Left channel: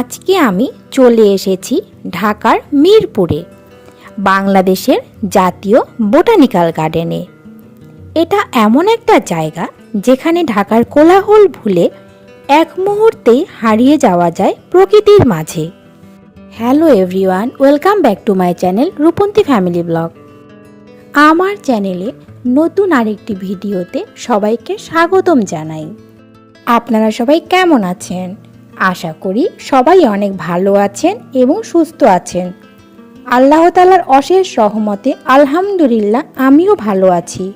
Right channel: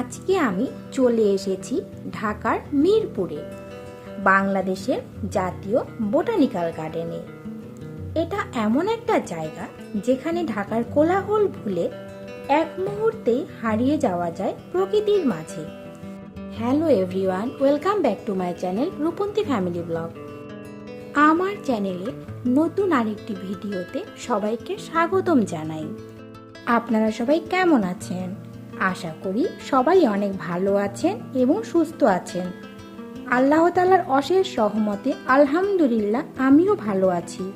আজকে আমি চলে এসেছি ঢাকার মিরপুরে, বাংলাদেশের জাতীয় বোটানিক্যাল গার্ডেনে। এটা এমন একটা জায়গা যেখানে ঢাকার কোলাহল ভুলে এক মুহূর্তেই হারিয়ে যাওয়া যায় প্রকৃতির মাঝে। Hello everyone, welcome back to my channel Rupanti family blog. আমার চ্যানেলে নতুন আরেকটি ভিডিওতে সবাইকে স্বাগতম জানাই। আপনারা সবাই কেমন আছেন? আশা করি সবাই অনেক ভালো আছেন এবং সুস্থ আছেন। আল্লাহ তালার অশেষ সহমতে আলহামদুলিল্লাহ আমিও ভালো আছি।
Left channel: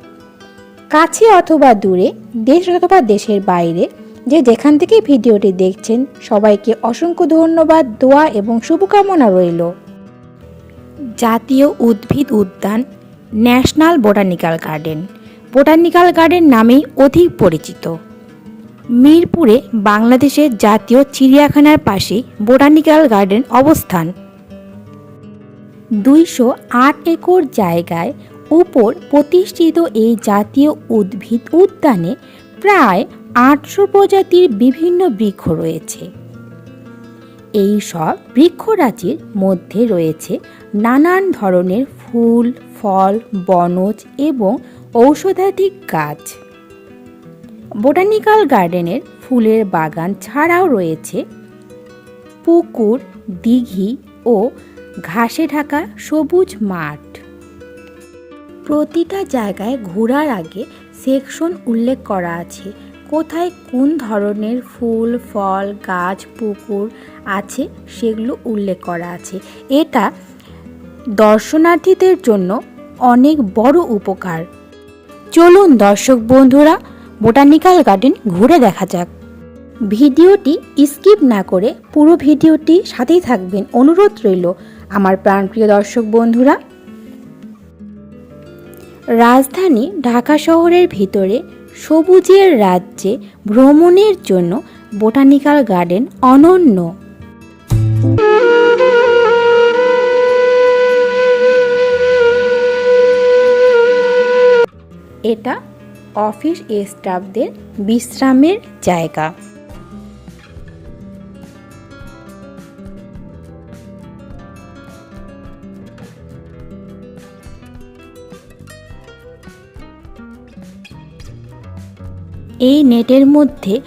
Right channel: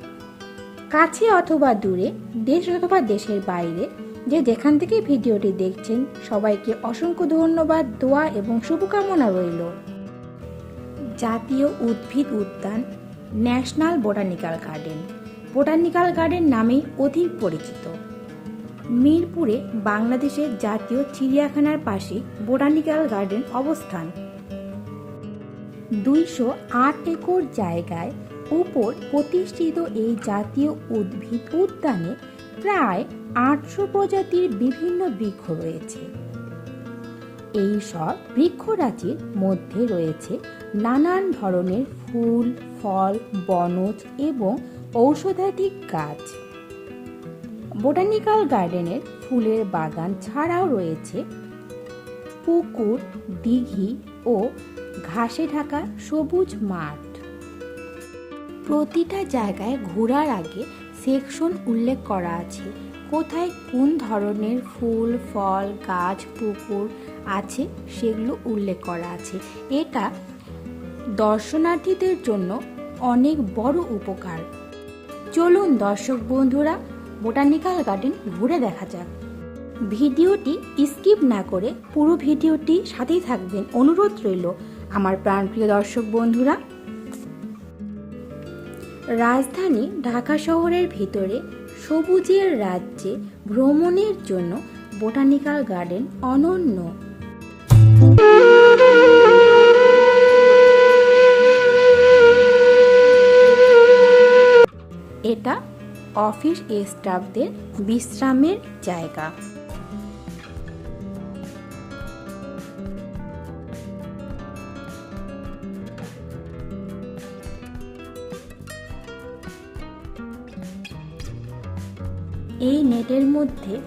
কাছে অথবা দূরে, দেশ অথবা দেশের বাইরে, যে যেখান থেকে ভিডিওটি দেখছেন, সবাইকে অসংখ্য ধন্যবাদ, দোয়া এবং শুভকামনা রইল। জাতীয় উদ্ভিদ উদ্যান, national botanical garden. Botanical garden নামেই অধিক পরিচিত। মিরপুরে বাংলাদেশের জাতীয় চিড়িয়াখানার পাশে বোটানিক্যাল গার্ডেন অবস্থান। দুইশো আট একর জায়গায় উপর প্রতিষ্ঠিত এই জাতীয় উদ্ভিদ উদ্যানে প্রায় আটশো প্রজাতির বিভিন্ন বৃক্ষ রয়েছে। এই সব বৃক্ষরাজির মধ্যে রয়েছে নানান ধরনের ফুল, ফল, বনজ এবং ঔষধাধিক গাছ। বোটানিক্যাল গার্ডেনের ফুলের বাগান ছাড়াও রয়েছে পুকুর, দিঘি ও ঘাসে ঢাকা সবুজ মাঠ। প্রতিটা জায়গায় ঘোরার আগে সেকশন উল্লেখ করা আছে, কোথায় কোন ধরনের ফুল, ফল, গাছ, পুকুর আছে সেগুলো উল্লেখ করা আছে। এটা দর্শনার্থীদের জন্য অনেক বড় উপকার। চলুন দর্শক বন্ধুরা বোটানিক্যাল গার্ডেন ঘুরে দেখা যাক। ভিডিওটি স্কিপ না করে পুরো ভিডিওটি সাথেই থাকবেন। অনুরোধ রইল আমার প্রাণপ্রিয় দর্শক বন্ধুরা। রাজধানী ঢাকা শহরের ভিতরে সবুজের রাজ্যে ভ্রমণের জন্য বোটানিক্যাল গার্ডেন অনন্য। এটা অফিস স্টাফদের বিশ্রামের জায়গা। এই নেটের মধ্যে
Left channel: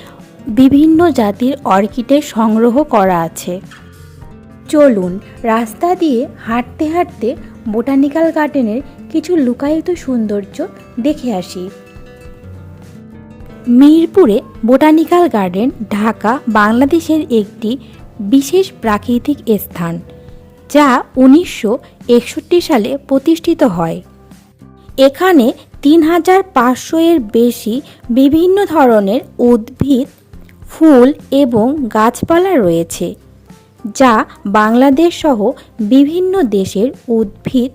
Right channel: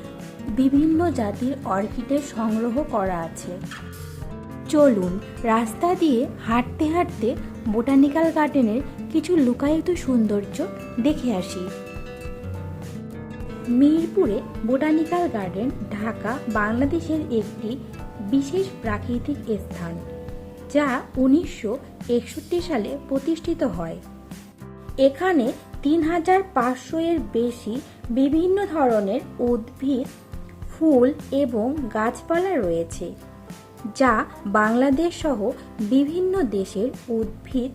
বিভিন্ন জাতির অর্কিডের সংগ্রহ করা আছে। চলুন, রাস্তা দিয়ে হাঁটতে হাঁটতে বোটানিক্যাল গার্ডেনের কিছু লুকায়িত সৌন্দর্য দেখে আসি। মিরপুরে বোটানিক্যাল গার্ডেন, ঢাকা, বাংলাদেশের একটি বিশেষ প্রাকৃতিক স্থান, যা উনিশশো একষট্টি সালে প্রতিষ্ঠিত হয়। এখানে তিন হাজার পাঁচশো এর বেশি বিভিন্ন ধরনের উদ্ভিদ, ফুল এবং গাছপালা রয়েছে, যা বাংলাদেশ সহ বিভিন্ন দেশের উদ্ভিদ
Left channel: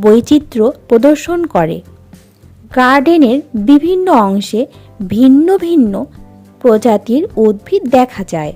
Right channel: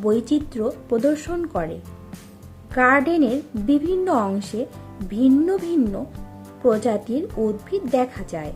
বৈচিত্র্য প্রদর্শন করে। গার্ডেনের বিভিন্ন অংশে ভিন্ন ভিন্ন প্রজাতির উদ্ভিদ দেখা যায়।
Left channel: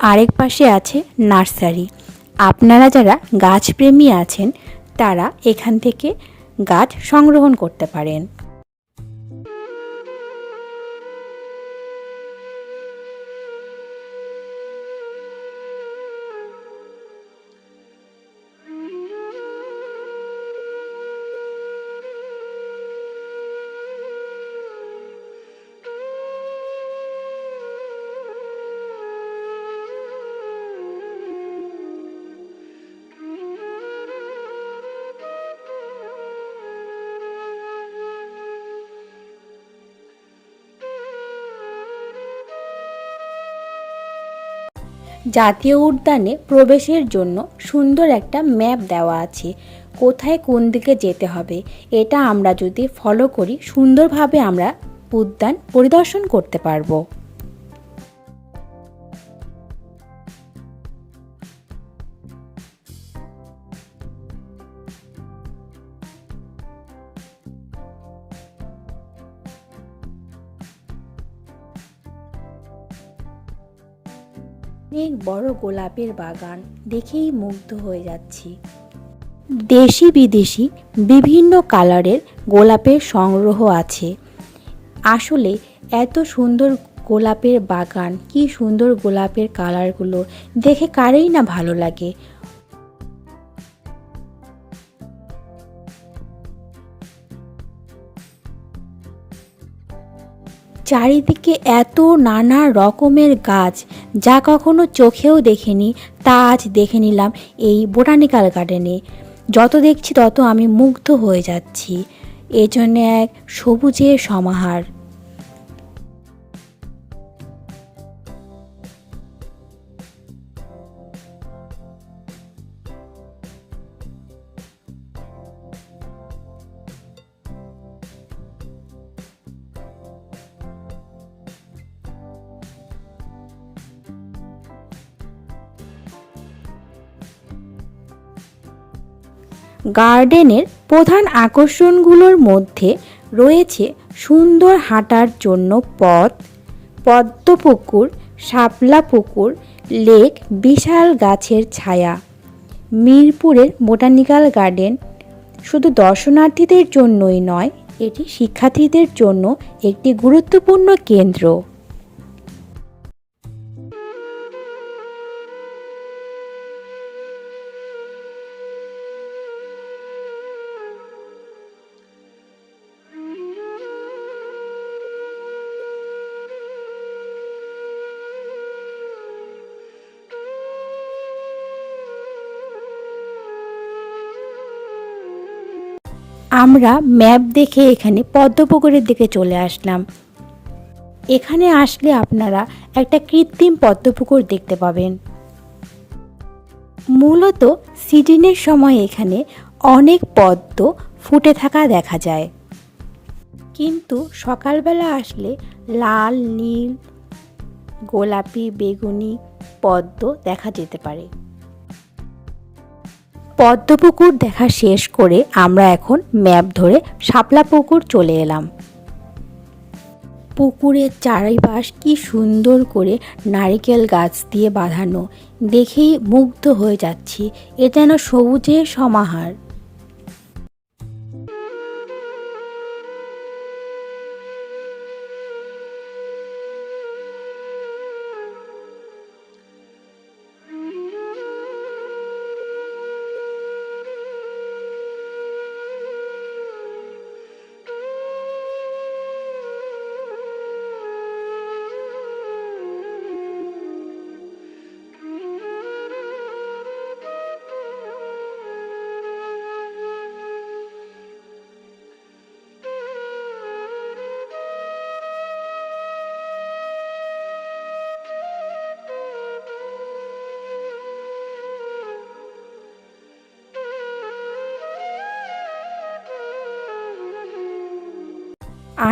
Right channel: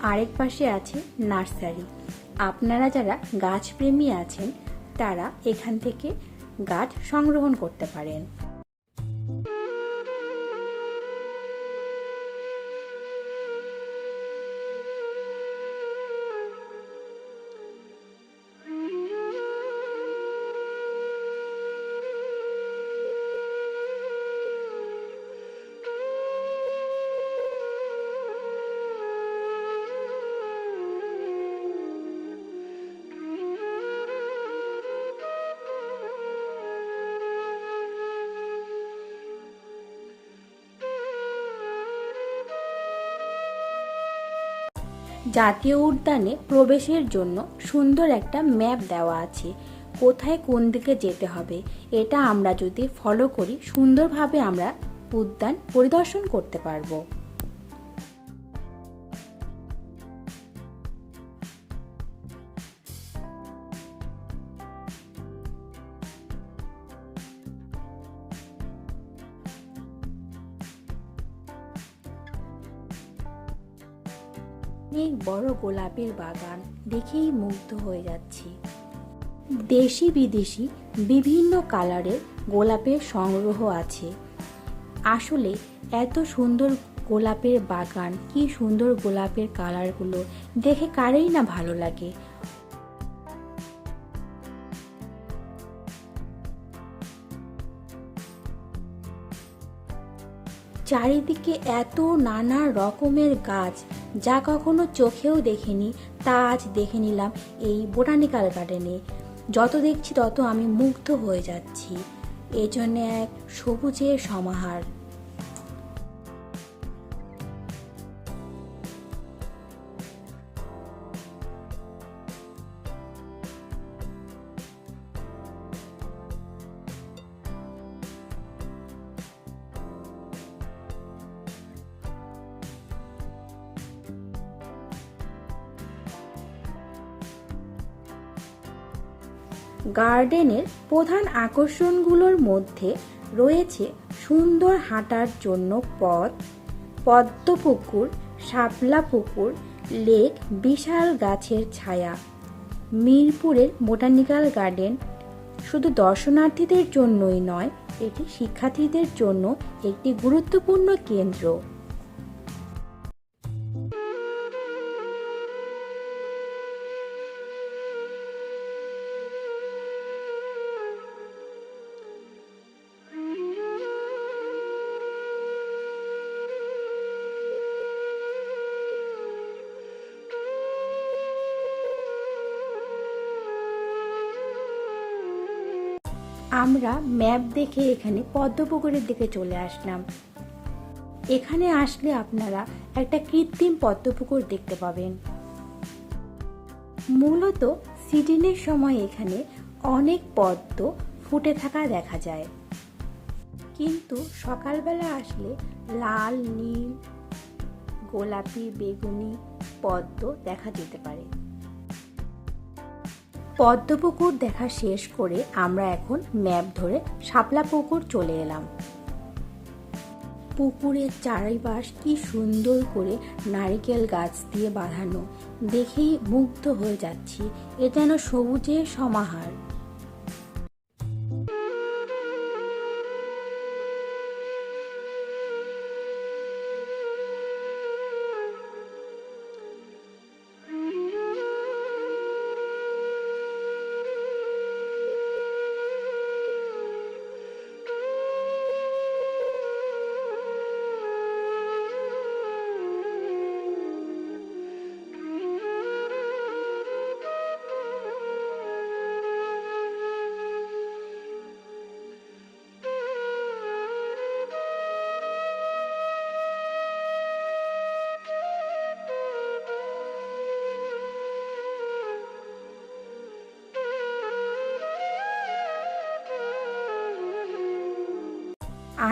আরেক পাশে আছে নার্সারি। আপনারা যারা গাছপ্রেমী আছেন, তারা এখান থেকে গাছ সংগ্রহণ করতে পারেন। জাতীয় উদ্যানে প্রবেশের জন্য সুন্দর একটা ম্যাপ দেওয়া আছে। কোথায় কোন দিকে যেতে হবে, এটা আমরা যদি ফলো করি, সুন্দরভাবে আমরা উদ্যান পরিদর্শন করতে পারব। অনেক বড় গোলাপের বাগান দেখেই মুগ্ধ হয়ে যাচ্ছি। দেশি বিদেশি বিভিন্ন কালারের গোলাপের সংগ্রহ আছে। আসলে এত সুন্দর গোলাপের বাগান, কি সুন্দর গোলাপের কালারগুলো, দেখে কারেই না ভালো লাগে। চারিদিকে এত নানা রকমের গাছ যা কখনো চোখেও দেখিনি, তা আজ দেখে নিলাম এই বোটানিক্যাল গার্ডেনে। যত দেখছি তত আমি মুগ্ধ হয়ে যাচ্ছি। এজন্য এক সবুজের সমাহার। গার্ডেনের প্রধান আকর্ষণগুলোর মধ্যে রয়েছে সুন্দর হাঁটার জন্য পথ, পদ্মপুকুর, শাপলা পুকুর, লেক, বিশাল গাছের ছায়া, মিরপুরের বোটানিক্যাল গার্ডেন। শুধু দর্শনার্থীদের জন্যই নয়, এটি শিক্ষার্থীদের জন্য একটি গুরুত্বপূর্ণ কেন্দ্র। আমরা ম্যাপ দেখে এখানে পদ্মপুকুরের দিকে চলে আসলাম। এখানে আসলে আপনারা একটা কৃত্রিম পদ্মপুকুর দেখতে পাবেন। মূলত সিজনের সময় এখানে অনেক পদ্ম ফুটে থাকা দেখা যায়। কিন্তু সকালবেলা আসলে লাল, নীল, গোলাপি, বেগুনি পদ্ম দেখা যেতে পারে। পদ্মপুকুর দেখা শেষ করে আমরা এখন ম্যাপ ধরে শাপলা পুকুর চলে এলাম। পুকুরের চারিপাশ কি সুন্দর করে নারিকেল গাছ দিয়ে বাঁধানো। দেখেই মুগ্ধ হয়ে যাচ্ছি। এ যেন সবুজের সমাহার।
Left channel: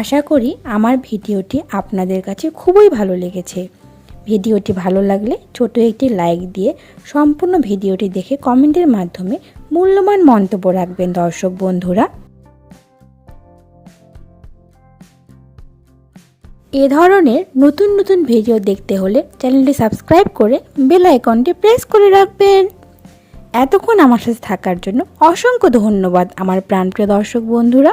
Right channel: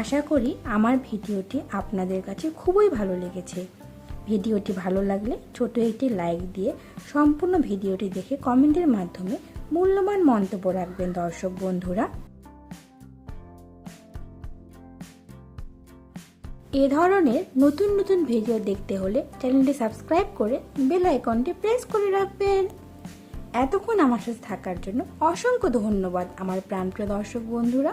আশা করি আমার ভিডিওটি আপনাদের কাছে খুবই ভালো লেগেছে। ভিডিওটি ভালো লাগলে ছোট একটি লাইক দিয়ে সম্পূর্ণ ভিডিওটি দেখে কমেন্টের মাধ্যমে মূল্যবান মন্তব্য রাখবেন দর্শক বন্ধুরা। এ ধরনের নতুন নতুন ভিডিও দেখতে হলে চ্যানেলটি সাবস্ক্রাইব করে বেল আইকনটি প্রেস করে রাখবেন। এতক্ষণ আমার সাথে থাকার জন্য অসংখ্য ধন্যবাদ আমার প্রাণপ্রিয় দর্শক বন্ধুরা।